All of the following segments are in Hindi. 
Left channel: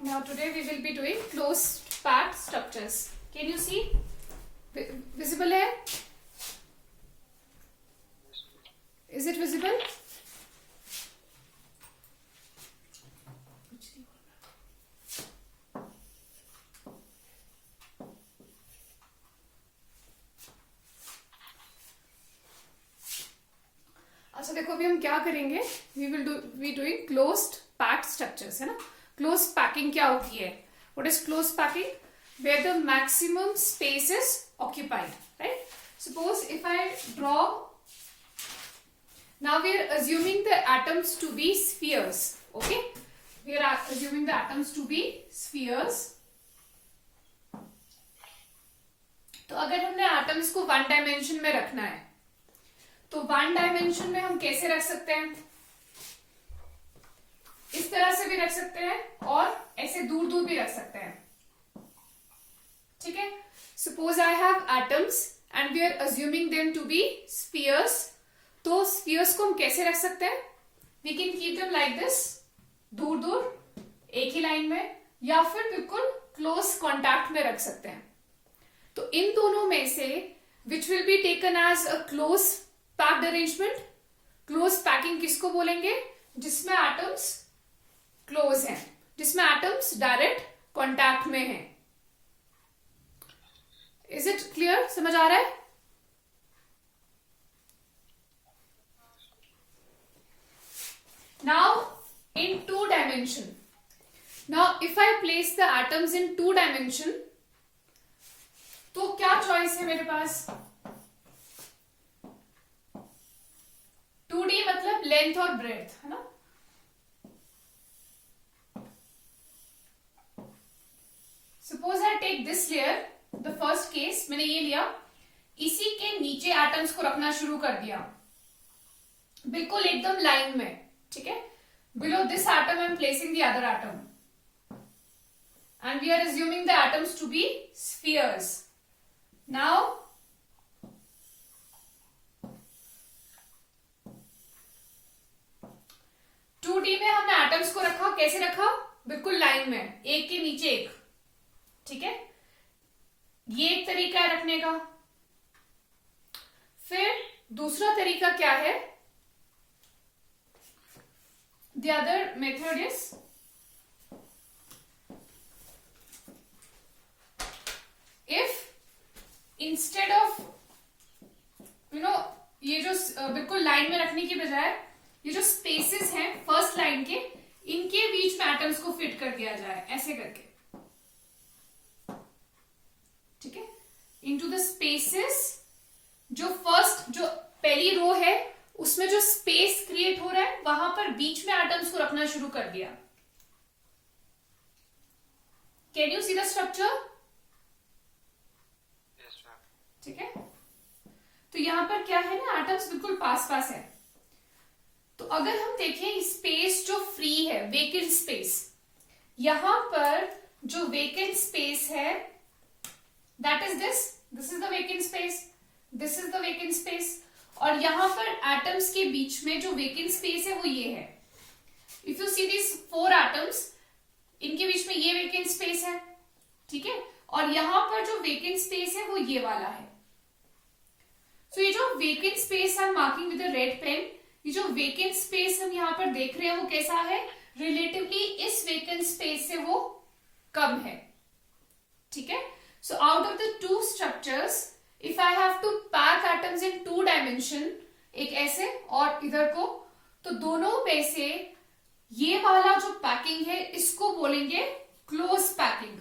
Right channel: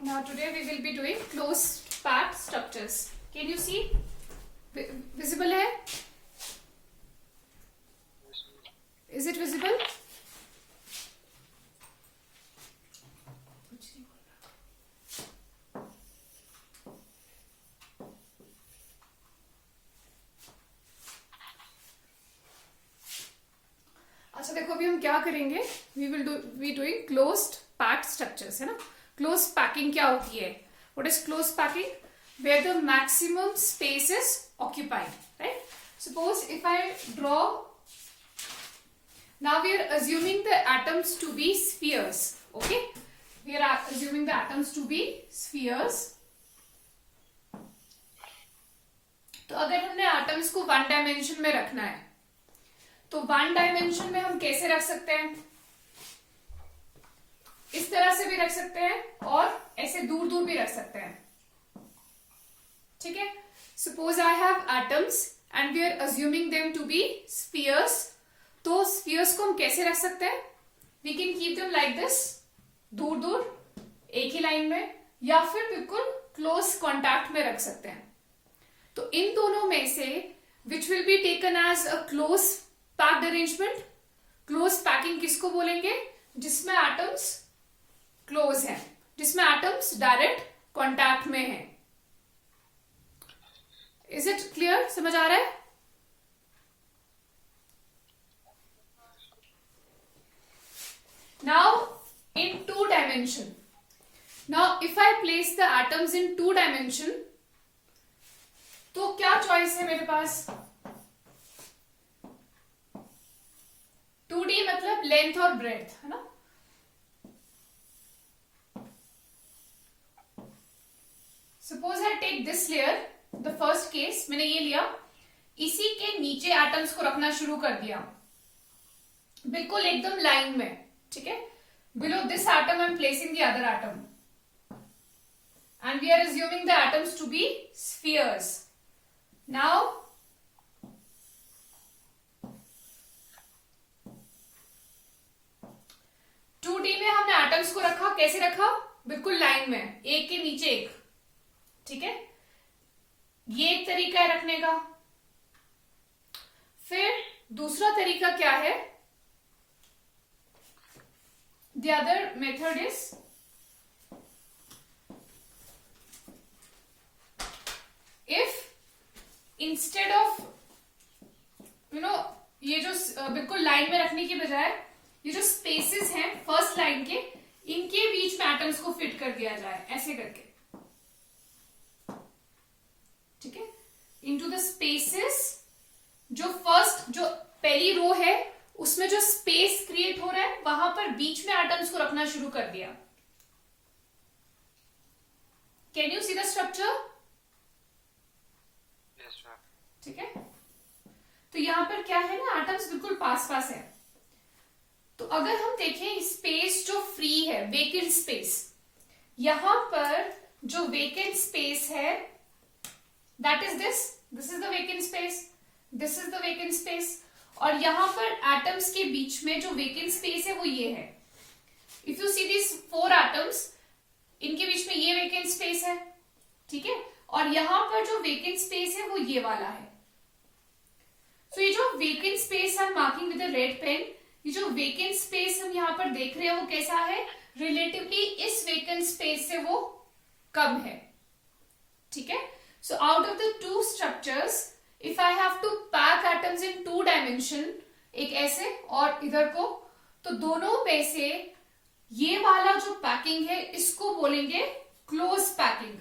Now today we will be doing closed packed structures. Can you see? Visible है? Is it visible? अच्छा देखो अभी हम क्या करेंगे. We will be doing closed packed structures, है ना. क्लोज पैकिंग क्या होती है? What is close packing? Where the maximum space is occupied, right? Suppose if I draw, now we are assuming the atoms to be spheres. Okay, we are assuming the atoms to be spheres. तो अगर हमने एटम्स को वन डायमेंशन में रखना है तो वन डायमेंशन में हम कैसे रख सकते हैं? इस तरह से भी रख सकते हैं और ऐसे दूर दूर भी रख सकते हैं. ठीक है. Suppose I have atoms and we are assuming them to be spheres. तो स्फीयर्स को हम कैसे रख सकते हैं? We can keep them like this, दूर दूर एक ही लाइन में, या फिर बिल्कुल क्लोज कॉन्टैक्ट में रख सकते हैं. तो इन दोनों में से which will be taken as a close packed arrangement? Close packing किसको बोलेंगे? जिसमें एटम्स क्लोज हैं, जिसमें एटम्स डायरेक्ट कॉन्टैक्ट में हैं. Is it clear? समझ आ रहा है? Now in two dimension. Now if I place the atoms in two dimension, तो क्या चॉइस है मेरे पास? 2D मतलब लेंथ और ब्रेथ, है ना. Suppose I take this layer, the first case मैंने ये लिया, इसी के नीचे एटम्स को रखना शुरू कर दिया, बिल्कुल एकदम लाइन में. ठीक है. Below this atom I am placing the other atom and we are assuming the atoms to be spheres. Now two D में हमने एटम्स को रखा, कैसे रखा? बिल्कुल लाइन में, एक के नीचे एक. ठीक है. ये एक तरीका है रखने का. फिर दूसरा तरीका क्या है? The other method is if instead of ये जो बिल्कुल लाइन में रखने की बजाय ये जो स्पेसेस हैं फर्स्ट लाइन के, इनके बीच में एटम्स को फिट कर दिया जाए ऐसे करके. ठीक है. इनटू द स्पेसेस, जो फर्स्ट जो पहली रो है उसमें जो स्पेस क्रिएट हो रहा है वहां पर बीच में एटम्स को रखना शुरू कर दिया. Can you see the structure? ठीक है. तो यहां पर क्या है ना, एटम्स बिल्कुल पास पास है. तो अगर हम देखें स्पेस जो फ्री है, वेकेंट स्पेस, यहां पर जो वेकेंट स्पेस है that is this is the vacant space, this is the vacant space, और यहां पर एटम्स के बीच में जो वेकेंट स्पेस है वो ये है. If you see this 4 atoms, इनके बीच में ये वेकेंट स्पेस है. ठीक है. और यहां पर जो वेकेंट स्पेस है वो ये वाला है. सो ये जो vacant space I am marking with red pen, ये जो वेकेंट स्पेस हम यहां पर देख रहे हैं वो कैसा है? रिलेटिवली इस वेकेंट स्पेस से वो कम है. ठीक है. So out of the two structures, if I have to pack atoms in two dimension, एक ऐसे और इधर को, तो दोनों में से ये वाला जो पैकिंग है इसको बोलेंगे close packing.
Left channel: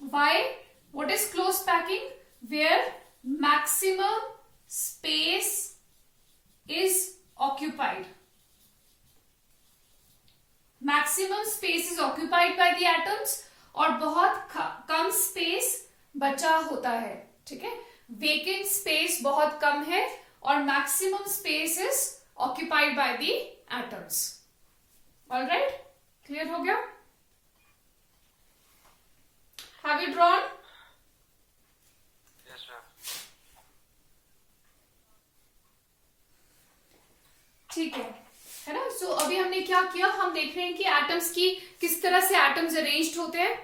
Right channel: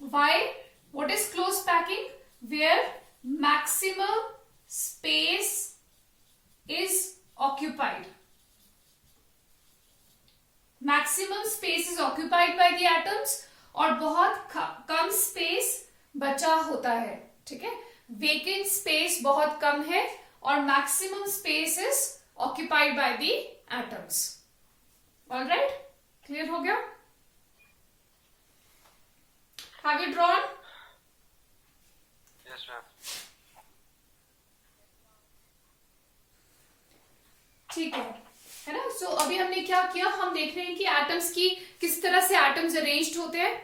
Why? What is close packing? Where maximum space is occupied. Maximum space is occupied by the atoms और बहुत कम स्पेस बचा होता है. ठीक है. वेकेंट स्पेस बहुत कम है और maximum space is occupied by the atoms. Alright, clear हो गया? Have you drawn? Yes ma'am. ठीक है. है ना। सो अभी हमने क्या किया, हम देख रहे हैं कि एटम्स की किस तरह से एटम्स अरेंज्ड होते हैं।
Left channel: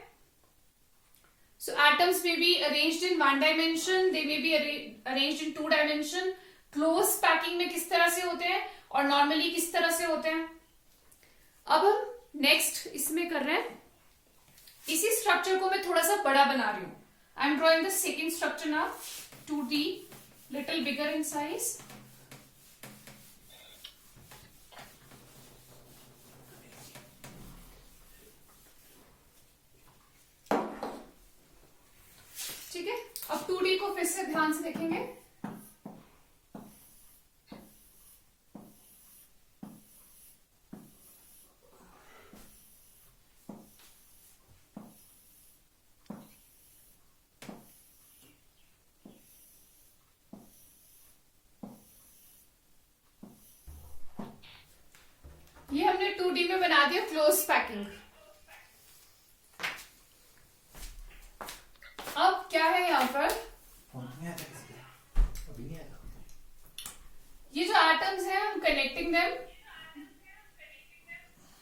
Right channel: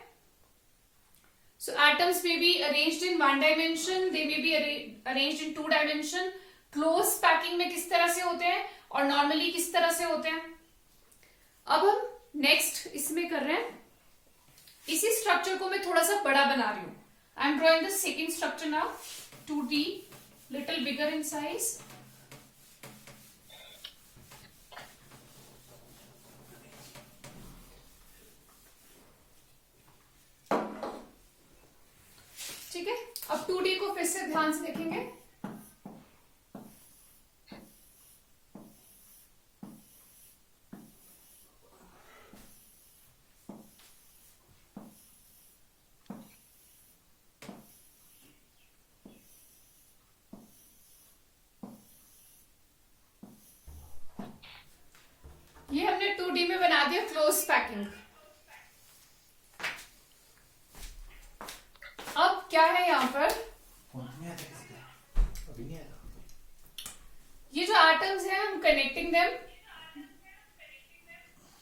सो एटम्स में बी अरेंज्ड इन 1 डायमेंशन, दे में be arranged in 2 dimension. Close packing में किस तरह से होते हैं और नॉर्मली किस तरह से होते हैं। अब हम नेक्स्ट इसमें कर रहे हैं, इसी स्ट्रक्चर को मैं थोड़ा सा बड़ा बना रही हूं। आई am drawing the second structure now, 2D, little bigger in size. ठीक है, अब 2D को फिर से ध्यान से देखेंगे। ये हमने 2D में बना दिया क्लोज पैकिंग। अब क्या है यहां पर, ये जो एटम्स हैं हम connecting them,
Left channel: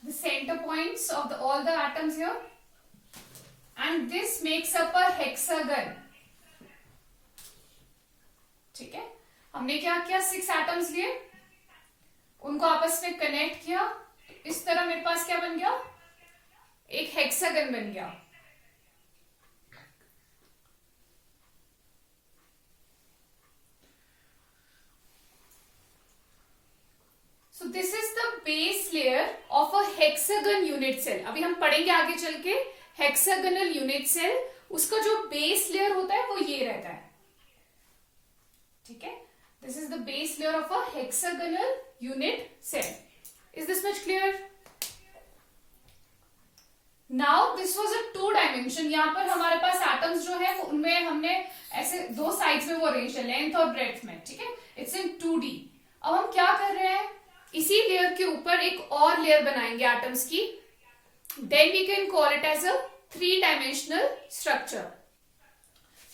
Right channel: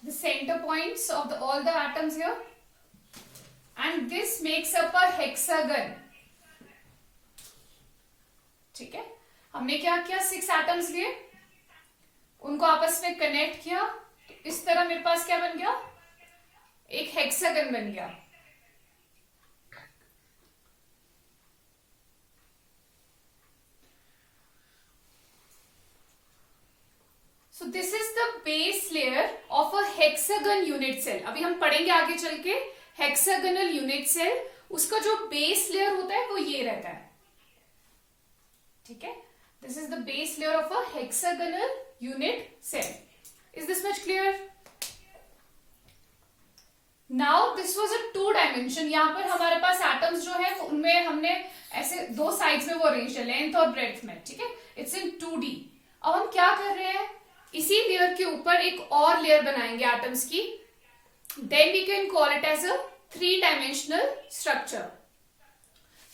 the centre points of all the atoms here, and this makes up a hexagon. ठीक है, हमने क्या किया, 6 एटम्स लिए, उनको आपस में कनेक्ट किया, तो इस तरह मेरे पास क्या बन गया, एक हेक्सागन बन गया। So this is the base layer of a hexagon unit cell. अभी हम पढ़ेंगे आगे चल के हेक्सागनल यूनिट सेल, उसका जो बेस लेयर होता है वो ये रहता है। ठीक है, this is the base layer of a hexagonal unit cell. Is this much clear? Now this was a 2 dimension. यहां पर हमारे पास एटम्स जो है उनमें हमने ऐसे 2 साइड्स में वो अरेंज है, लेंथ और ब्रेड्थ में। ठीक है, इट्स इन 2D। अब हम क्या कर रहे हैं, इसी लेयर के ऊपर एक और लेयर बनाएंगे एटम्स की, then we can call it as a 3 dimensional structure.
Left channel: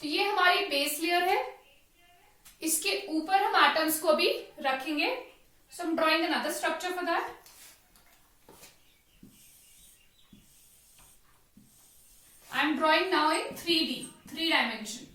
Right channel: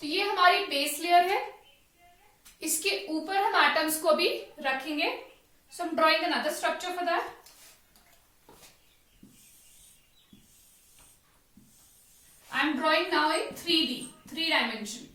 तो ये हमारी बेस लेयर है, इसके ऊपर हम एटम्स को भी रखेंगे। So I am drawing another structure for that. I am drawing now in 3D, 3 dimension.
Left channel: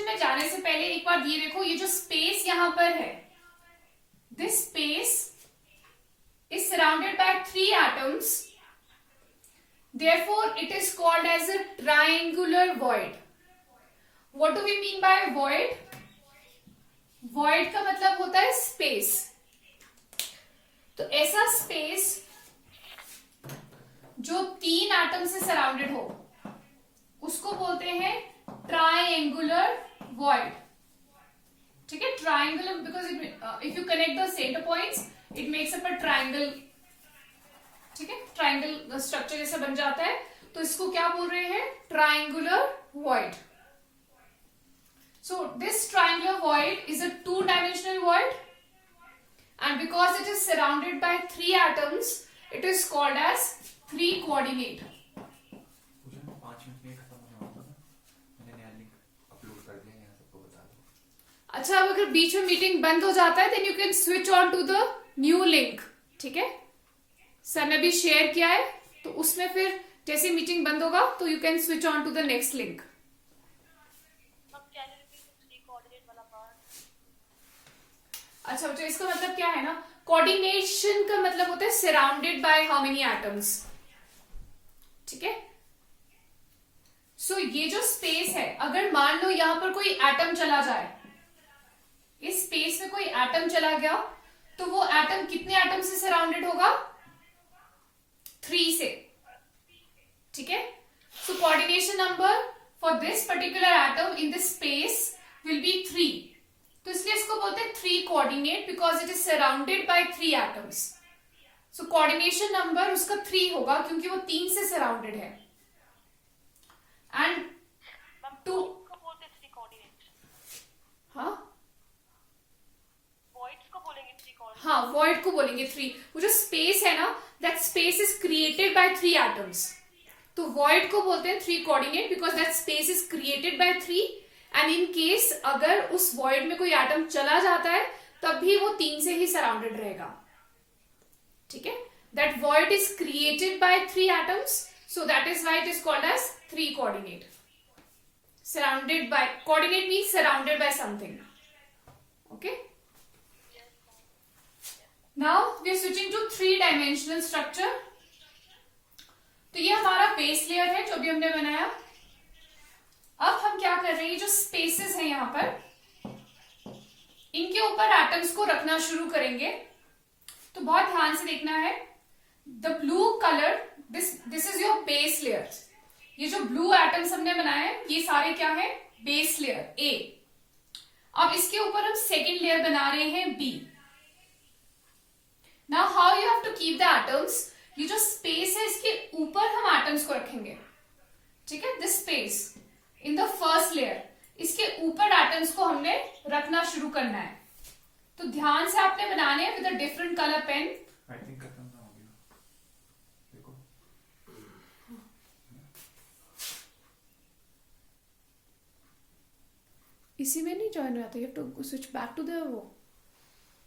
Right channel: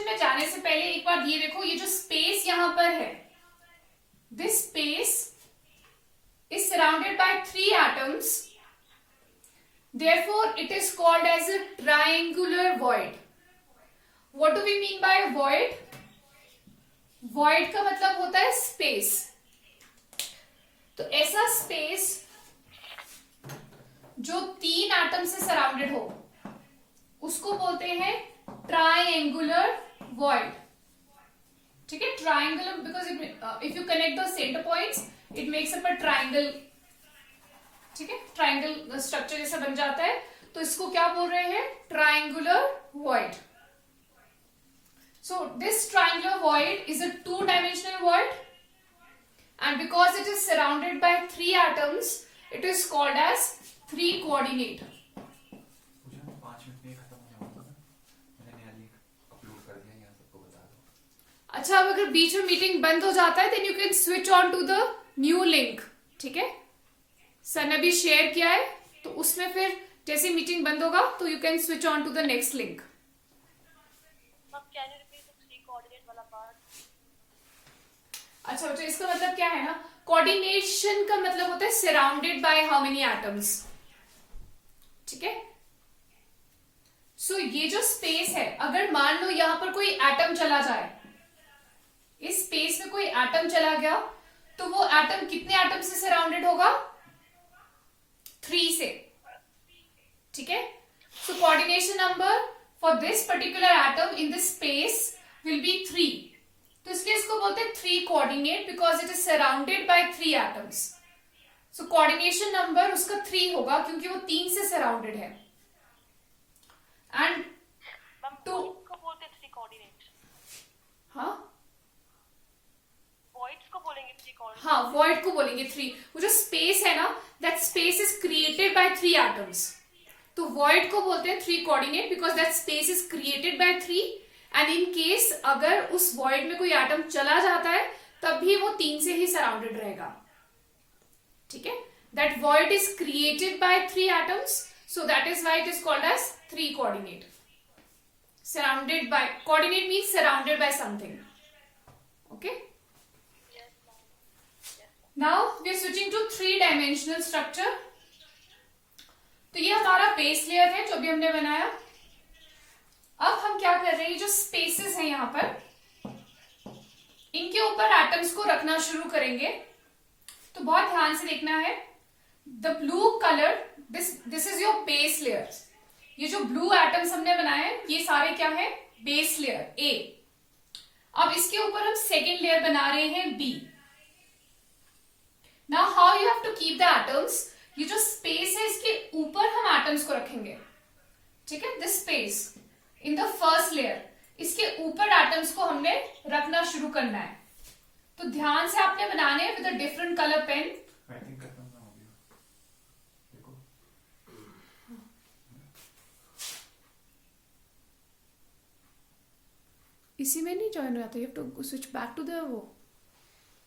में जाने से पहले एक बार ये देखो, ये जो स्पेस यहां पर है, this space is surrounded bye 3 atoms, therefore it is called as a triangular void. What do we mean by void? Void का मतलब होता है स्पेस। तो ऐसा स्पेस जो 3 एटम से सराउंडेड हो उसको बोलते हैं ट्राइंगुलर void. ठीक है, triangular because if you connect the centre points it makes up a triangle. ठीक है, ट्राइंगल स्ट्रक्चर जैसा बन जाता है, तो इसको क्या बोल रहे हैं, triangular void. So this triangular void is a 2-dimensional void, and because it is surrounded by 3 atoms, it is called as 3 coordinate. अच्छा, अब अगर बीच में मीटिंग बंद हो जाता है, then you can switch on to the new link. ठीक है, सर ने भी शेयर किया है, तो उसमें फिर जैसे मीटिंग बंद होगा तो you can switch on to the next link. अच्छा बच्चों, इसका मतलब क्या है ना, कोऑर्डिनेशन का मतलब होता है surrounded by how many atoms. ठीक है, सो ये जो स्पेस है, अगर मान लो यहां पर कोई एटम चला जाए, इस स्पेस में कोई एटम चला गया, तो वो एटम कितने एटम से सराउंडेड होगा, 3 से। ठीक है, so coordination number for this particular atom in this space will be 3। तो इसलिए इसको बोलते हैं 3 coordinate, because it is surrounded bye 3 atoms. So coordination number उसका 3 होगा, क्योंकि वो 3 से सराउंडेड है। एंड 2, हाँ हाँ, void को बोलेंगे 3। वो जो स्पेस है ना, that space is created by 3 atoms। तो void को बोलते हैं 3 coordinate, because that space is created by 3। And in case अगर उस void में कोई एटम चला जाता है तब भी वो 3 से ही सराउंडेड रहेगा। ठीक है, that void is created by 3 atoms, so that is why it is called as 3 coordinate। surrounded by, coordinate means surrounded by something। okay, now we are switching to 3-dimensional structure। तो ये हमारा बेस लेयर है जो अभी हमने बनाया। अब हम क्या कर रहे हैं, जो स्पेसेस हैं यहां पर, इनके ऊपर एटम्स को रखना शुरू करेंगे। तो बहुत ध्यान से देखना है। The blue colour, this is your base layer. ये जो ब्लू एटम्स हमने बनाए हैं, ये सारे क्या है, बेस लेयर ए। अब इसके ऊपर हम सेकेंड लेयर बना रहे हैं B. Now how you have to keep the atoms, ये जो स्पेस है इसके ऊपर हम एटम्स को रखेंगे। ठीक है, this space in the first layer, इसके ऊपर एटम्स को हमने रखना शुरू करना है। तो ध्यान से आपने बनाने हैं with a different colour pen. I think खत्म ना हो गया, देखो। इसी में नहीं ज्वाइन हो जाता, you have to switch back to the वो,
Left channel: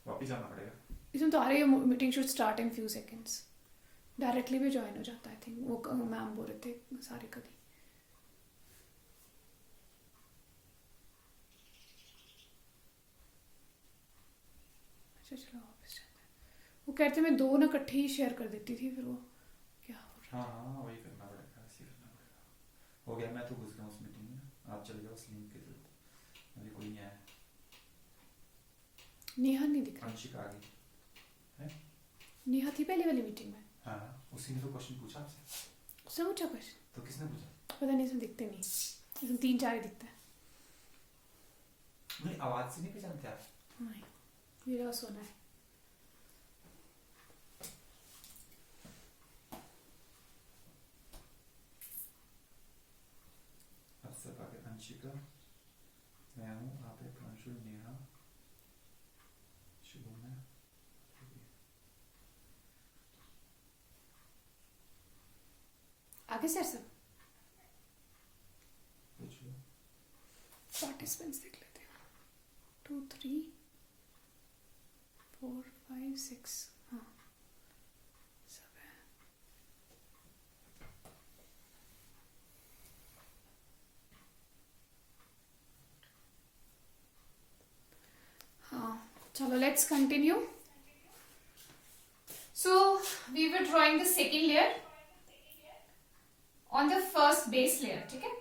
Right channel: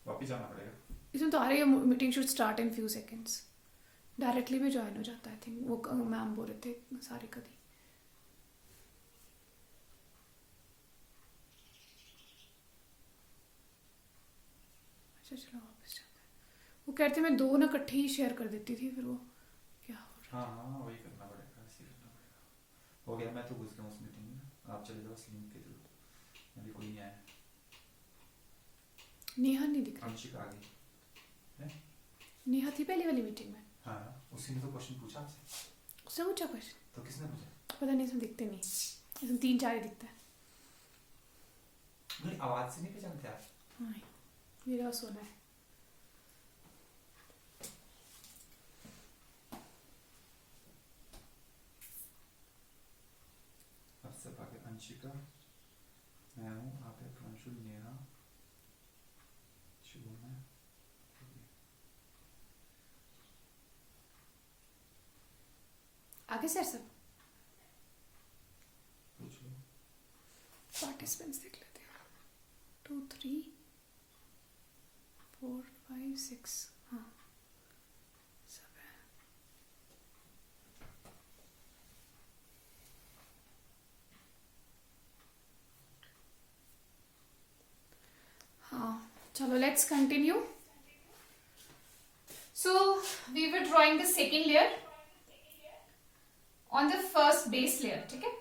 वापस जाना पड़ेगा। इसमें तो आ रही है meeting should start in few seconds. Directly भी ज्वाइन हो जाता है, आई थिंक वो मैम बोल रहे थे सारी कभी। अच्छा चलो वापस जाता है। वो कहते मैं 2 ना इकट्ठे ही शेयर कर देती थी, फिर वो क्या हो रहा है। हाँ हाँ, वही करना पड़ेगा, ऐसे करना पड़ेगा। हो गया, मैं तो घुस गया उस मीटिंग में, आप चले जाओ स्लिम के थ्रू। अभी कोई नहीं आया। नेहा नहीं दिख रही। अंशिका आ गई है? नेहा थी पहले वाली मीटिंग में। हाँ, उसी ने तो क्वेश्चन पूछा आपसे। उससे पूछा क्वेश्चन? तो किसने पूछा? पता नहीं, इसमें दिखते नहीं, इसमें 3-4 ही दिखता है। नहीं, आवाज से नहीं पहचानते आप? हाँ, मेरा सोना है। अब सब आगे अंशिका, मैं हूँ, आप है प्रांशुल, नेहा, शुभम है। आगे से सब पूछो। पार्टिसिपेंट्स देख लेते हैं। 2 3 4 5 6, हाँ सब है। हाँ चलो, let's continue. So we were drawing the second layer on the first base layer. ठीक है,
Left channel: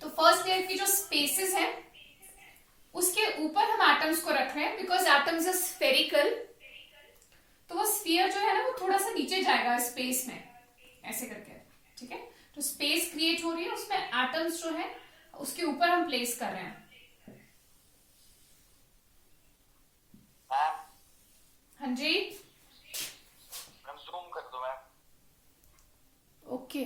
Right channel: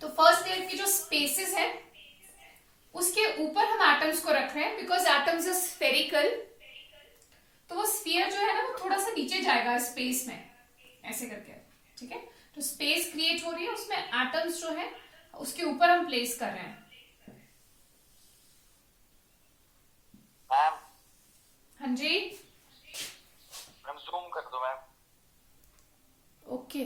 तो फर्स्ट लेयर की जो स्पेसेस हैं उसके ऊपर हम एटम्स को रख रहे हैं, बिकॉज एटम्स इज स्फेरिकल। तो वो स्फीयर जो है ना, वो थोड़ा सा नीचे जाएगा स्पेस में, ऐसे करके। ठीक है, तो स्पेस क्रिएट हो रही है, उसमें एटम्स जो है उसके ऊपर हम प्लेस कर रहे हैं। हाँ जी, मैम जूम कर दो मैम। ओके।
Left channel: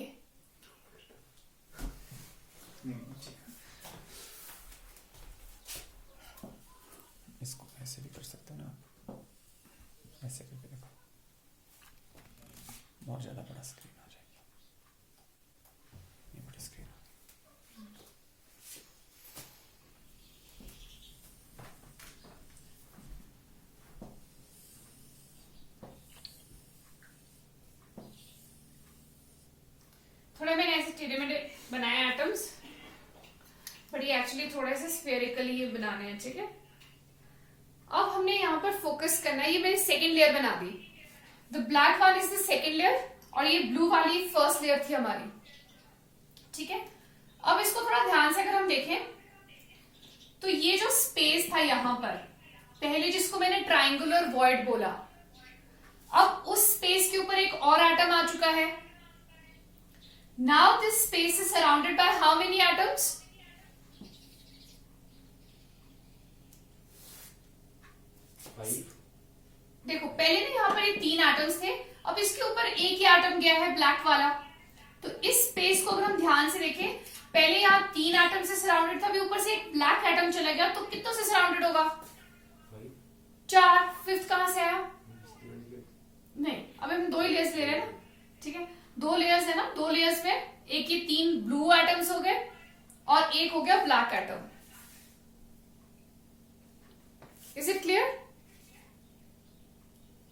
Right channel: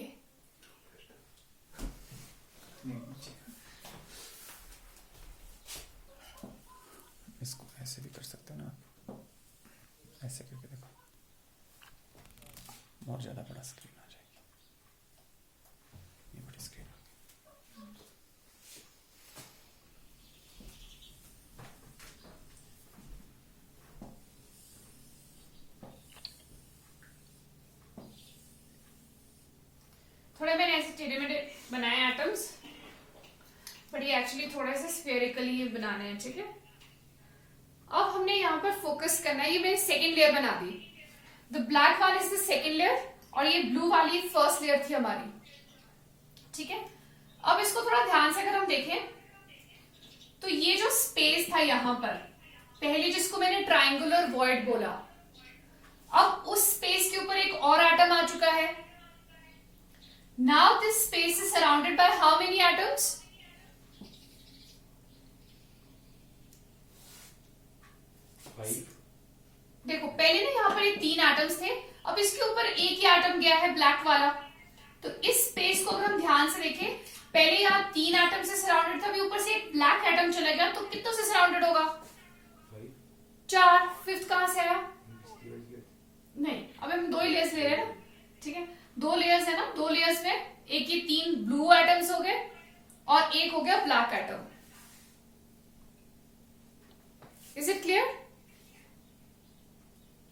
इसको ऐसे भी कर सकते हो ना, ऐसे करके देखो, बहुत ज्यादा बड़ा स्क्रीन आ जाएगी। ये बड़ी स्क्रीन। थोड़े मैंने ऐसे टेढ़े मेढ़े बनाए एटम्स, बट ये एक्चुअली थोड़े से स्फेरिकली बनाने हैं। ठीक है, अब हमने यहाँ पर फोकस करना है। ये मैंने सेकेंड लेयर बना दी। द ब्लैक वाली इज द सेकेंड लेयर और ये ब्लू वाली फर्स्ट लेयर थी हमारी। ठीक है, अब इसको थोड़ा ध्यान से अगर हम देखें तो ये जो स्पेस था यहाँ पर पहले, जिसको मैंने ट्राइंगुलर वॉइड बोला, अब उस स्पेस के ऊपर एक और एटम आ चुका है। Now this space is surrounded by how many atoms? देखो, पहले ना यहाँ पर ये 3 एटम्स थे, अब इसके ऊपर एक ही एटम गया है, ब्लैक वाला। तो इस स्पेस को अगर हम ध्यान से देखें, पहले यहाँ 3 एटम से सराउंडेड था, अभी ऊपर से एक ब्लैक एटम चला गया, तो कितनों से सराउंडेड होगा? 4। फिफ्थ कहां से आया? नहीं, अब हम 2 ही लेयर्स ले रहे हैं ना, ठीक है। 2 लेयर्स है ना, 2 लेयर्स में एक ये 3 ब्लू एटम्स हो गए और एक हो गया black atom. Is it clear?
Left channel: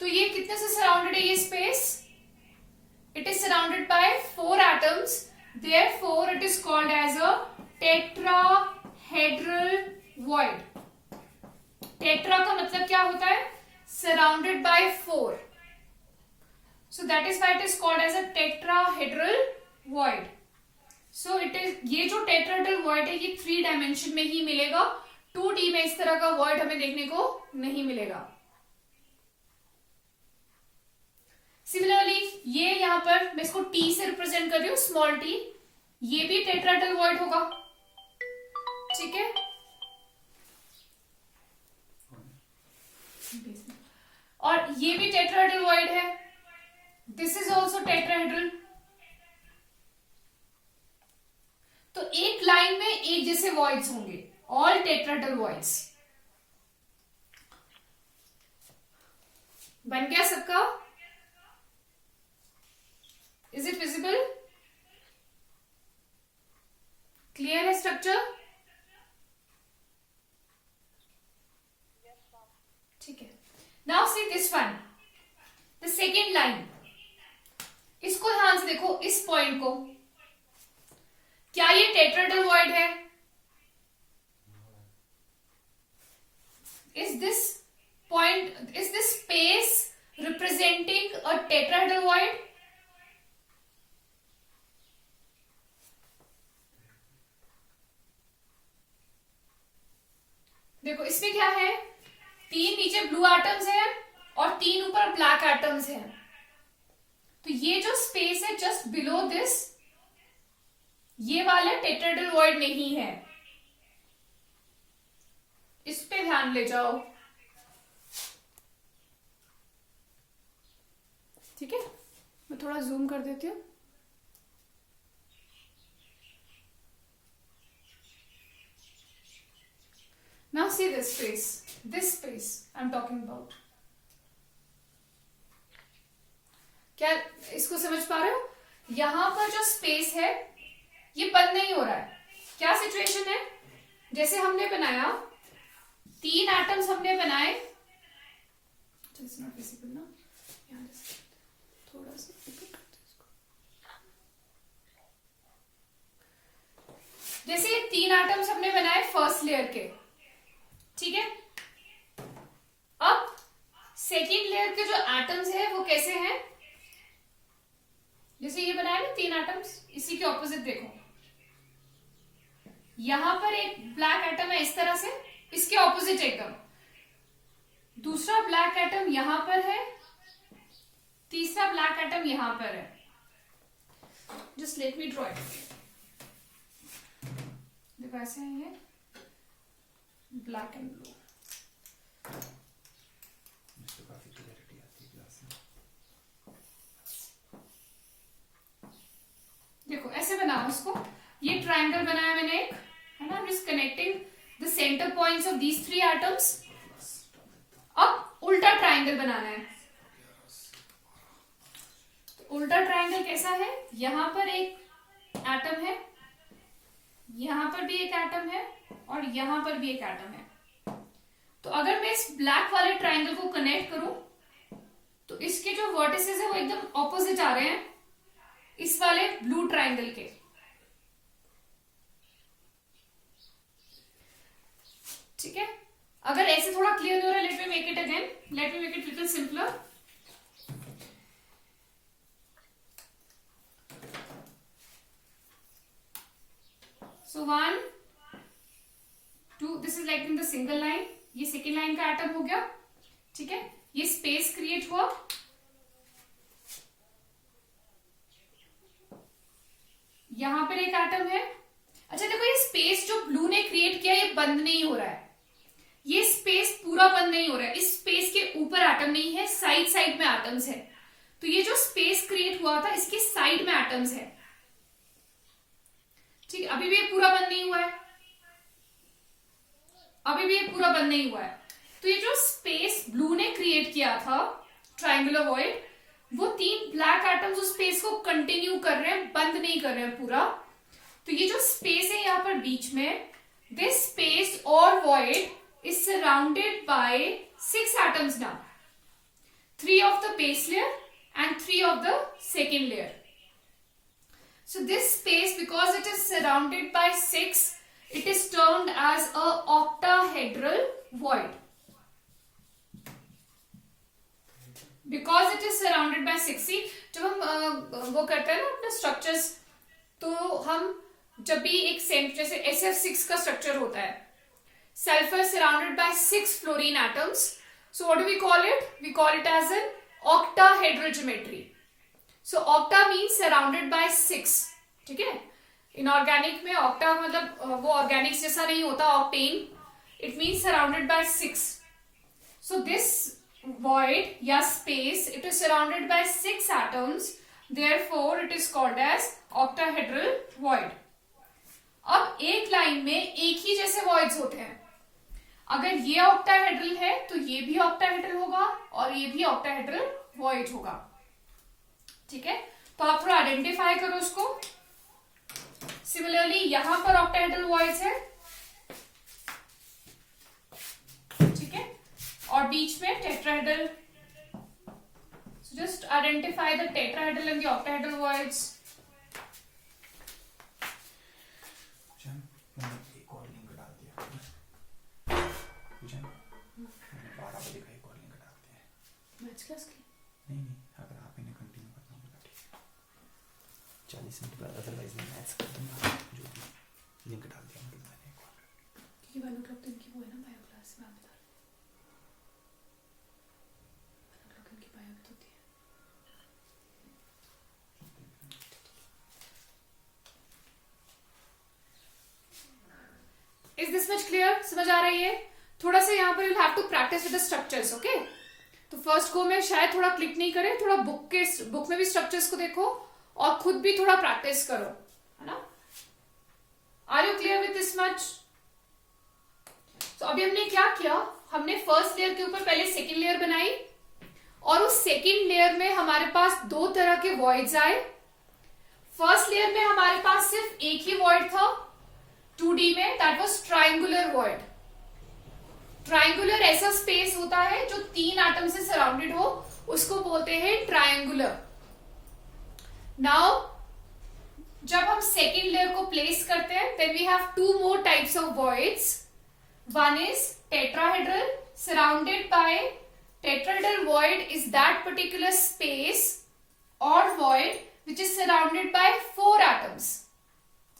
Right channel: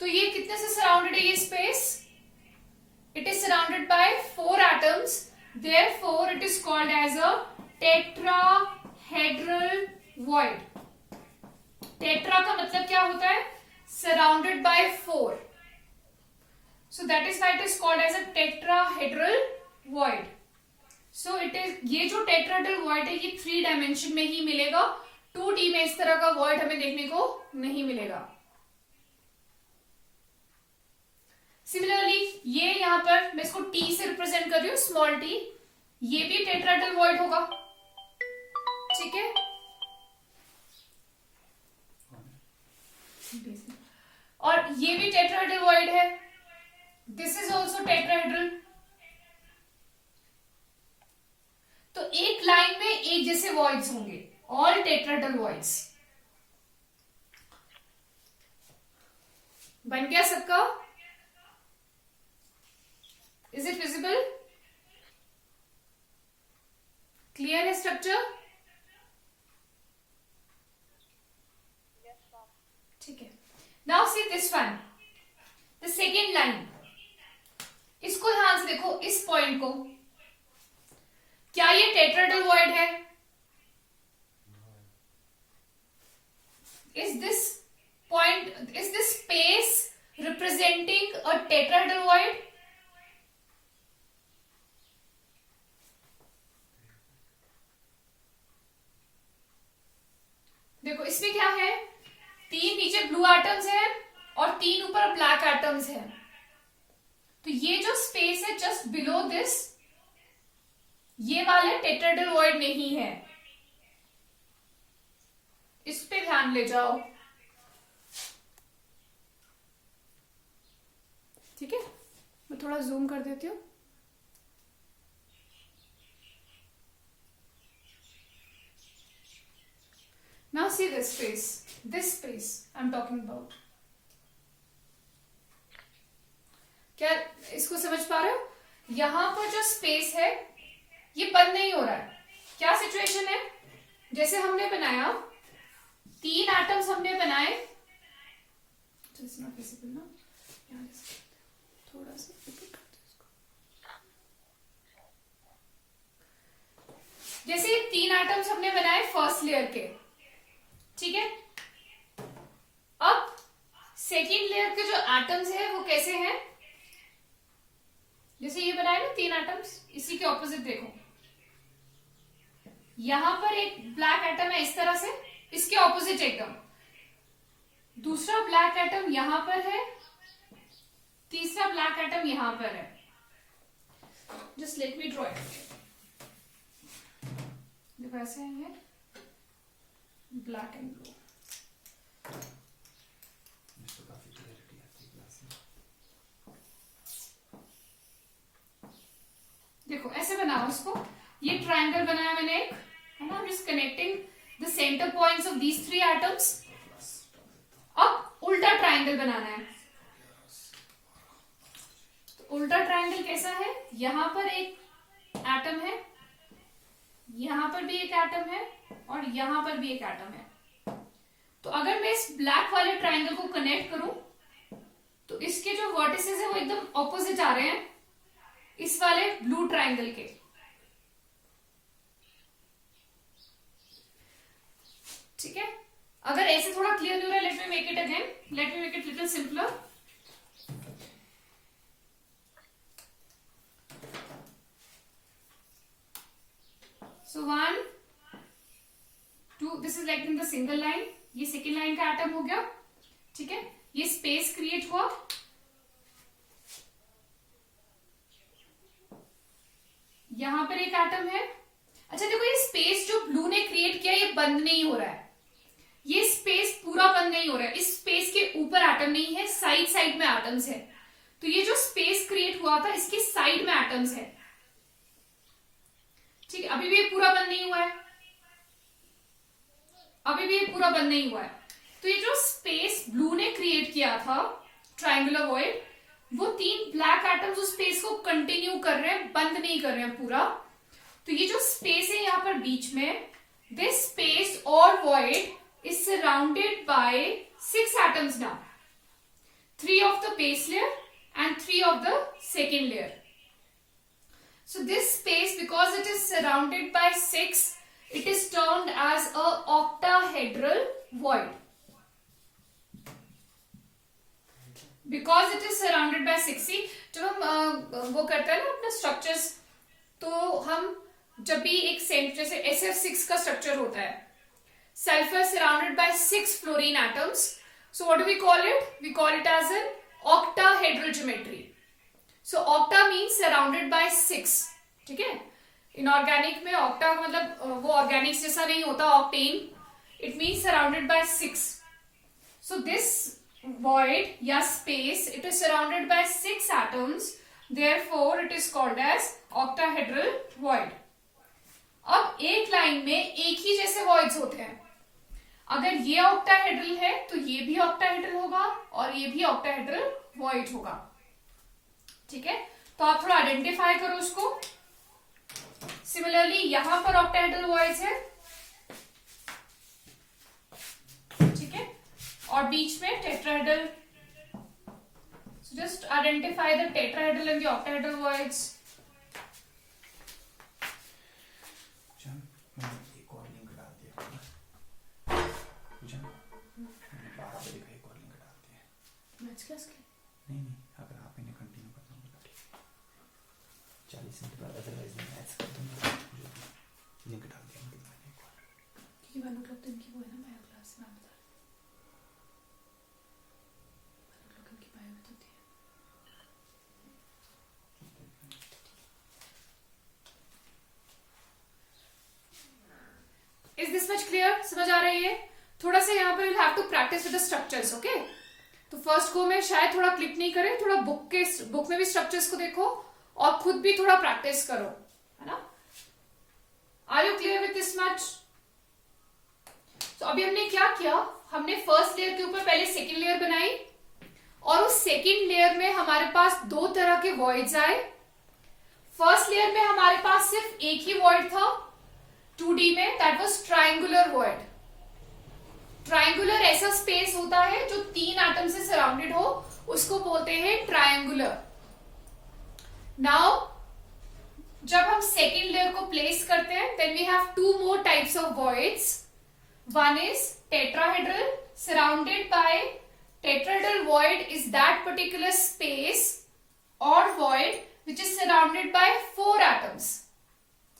तो ये कितने से सराउंडेड है ये स्पेस? It is surrounded by 4 atoms, therefore it is called as a tetrahedral void. Tetra का मतलब क्या होता है? Surrounded by 4, so that is why it is called as a tetrahedral void. So it is, ये जो tetrahedral void है ये 3 डायमेंशन में ही मिलेगा, 2D में इस तरह का void हमें देखने को नहीं मिलेगा। सिमिलरली ये यहां पर मैं इसको T से रिप्रेजेंट कर रही हूं, स्मॉल t, ये भी tetrahedral void होगा, ठीक है। और ये भी tetrahedral void है, दिस इज ऑल्सो टेट्राहेड्रल। तो एक लाइन में एक जैसे वॉइड्स होंगे, ऑल टेट्राहेड्रल वॉइड्स। बन गया सबका? Is it visible? क्लियर है स्ट्रक्चर? ठीक है। Now see this one, the second line. इसको ध्यान से देखो, इस पॉइंट को, क्या ये टेट्राहेड्रल वॉइड है? Is this point, is this space representing a tetrahedral void? देखो इसमें क्या है, 3 नीचे ब्लू एटम्स है और 3 ऊपर ब्लैक एटम्स है। तो ये जो स्पेस है जस्ट बिलो दिस, ये वाले टेट्राहेड्रल वॉइड नहीं है, इस पे ध्यान ले जाओ, ठीक है। मैं थोड़ा जूम कर देती हूं। Now see this space I am talking about. क्या इसको समझ पा रहे हो? यहां पर जो स्पेस है ये बंद नहीं हो रहा है। क्या सिचुएशन है? जैसे हमने बनाया 3 एटम्स हमने बनाए, इट्स नॉट विजिबल ना, यहां थोड़ा सा ऊपर करते हैं इसको। जैसे ये 3 एटम्स हमने बनाए फर्स्ट लेयर के, ठीक है। अब सेकेंड लेयर के जो एटम्स है वो कैसे हैं? जैसे ये बनाए ना 3 एटम्स, इसी के ऑपोजिट देखो, यहां पर एक ब्लैक एटम है इस तरह से, इसके ऑपोजिट एकदम दूसरा ब्लैक एटम यहां पर है, तीसरा ब्लैक एटम यहां पर है। Just let me draw it. देखो ऐसे है ये ब्लैक एंड ब्लू। काफी क्लैरिटी आती है क्लास में। देखो ऐसे बनाओ इसको, ये ट्रायंगल बनाया मैंने एक, है ना, is connecting the centre points of these 3 atoms. अब उल्टा ट्रायंगल बनाना है। तो उल्टा ट्रायंगल कैसा है? यहां पर एक एटम है, यहां पर भी एक एटम है और यहां पर भी एक एटम है। तो अगर मैं इस ब्लैक वाले ट्रायंगल को कनेक्ट करूं तो इसके जो वर्टिसेस है वो एकदम ऑपोजिट आ रहे हैं इस वाले ब्लू ट्रायंगल के। ठीक है, अगर ऐसे थोड़ा क्लियर नहीं हो रहा है, let me make it again, let me make it little simpler. So 1, 2, this is like in the single line, ये सेकेंड लाइन का एटम हो गया, ठीक है। ये स्पेस क्रिएट हुआ, यहां पर एक एटम है। अच्छा देखो, ये स्पेस जो ब्लू ने क्रिएट किया ये बंद नहीं हो रहा है, ये स्पेस पूरा बंद नहीं हो रहा है। इस स्पेस के ऊपर एटम नहीं है, साइड साइड में एटम्स है। तो ये जो स्पेस क्रिएट हुआ था इसके साइड में एटम्स है, ठीक है। अभी भी ये पूरा बंद नहीं हुआ है, अभी भी ये पूरा बंद नहीं हुआ है। तो ये जो स्पेस ब्लू ने क्रिएट किया था, ट्राइंगुलर वॉइड, वो 3 ब्लैक एटम्स उस स्पेस को कंटिन्यू कर रहे हैं, बंद नहीं कर रहे हैं पूरा। तो ये जो स्पेस है यहाँ पर बीच में, दिस स्पेस और void is surrounded bye 6 atoms now, 3 of the base layer and 3 of the second layer. So this space, because it is surrounded by 6, it is termed as a octahedral void. Because it is surrounded by 6, see, जब हम वो करते हैं ना अपने स्ट्रक्चर्स, तो हम जब भी एक सेंट जैसे SF6 का स्ट्रक्चर होता है, sulphur surrounded by 6 fluorine atoms, so what do we call it? We call it as an octahedral geometry. So octa means surrounded by 6, ठीक है। इनऑर्गेनिक में octa मतलब वो ऑर्गेनिक्स जैसा नहीं होता, octane, it means surrounded by 6. So this void या space, it is surrounded by 6 atoms, therefore it is called as octahedral void. अब एक लाइन में एक ही जैसे voids होते हैं, अगर ये ऑक्टाहेड्रल है तो ये भी ऑक्टाहेड्रल होगा और ये भी ऑक्टाहेड्रल वॉइड होगा, ठीक है। तो आप थोड़ा आइडेंटिफाई करो उसको। सिमिलरली यहां पर ऑक्टाहेड्रल वॉइड्स है, ठीक है, और बीच में tetrahedral. So just identify the tetrahedral and the octahedral voids. एक और लिंक डाल दिया, 12 बजे का एक और लिंक डाल दिया मैथ्स क्लास के नहीं, अगर आप इन्हें कंटिन्यू करना होगा ठीक है, 40 मिनट बाद, अदरवाइज नहीं मैथ्स कर दूंगा। लिंक डाल दिया मतलब मैंने एक और, क्योंकि 1 o'clock दिन की वो है ना बायो क्लास, मैं बता रही हूँ 1 o'clock इनकी बायो में होती है। Is this much clear? समझ आ रही है? थोड़ा सा यहाँ पर you'll have to practice with the structures, okay? तो फर्स्ट को में शायद थोड़ा क्लिक नहीं करे, थोड़ा बुक में भी स्ट्रक्चर्स को देखो और खुद भी थोड़ा प्रैक्टिस करो, है ना? Are you clear with this much? तो अभी हमने क्या किया, हमने फर्स्ट लेयर के ऊपर पहले सेकेंड लेयर बनाई और उस सेकेंड लेयर में हमारे पास 2 तरह के वॉइड्स आए। फर्स्ट लेयर में हमारे पास सिर्फ एक ही वॉइड था 2D में, that was triangular void. Triangular ऐसा स्पेस होता है जो 3 एटम से सराउंडेड हो, उसको बोलते हैं ट्राइंगुलर। नाउ जब हम सेकेंड लेयर को प्लेस करते हैं, then we have 2 more types of voids. One is tetrahedral, surrounded by tetrahedral void is that particular space और void which is surrounded by 4 atoms.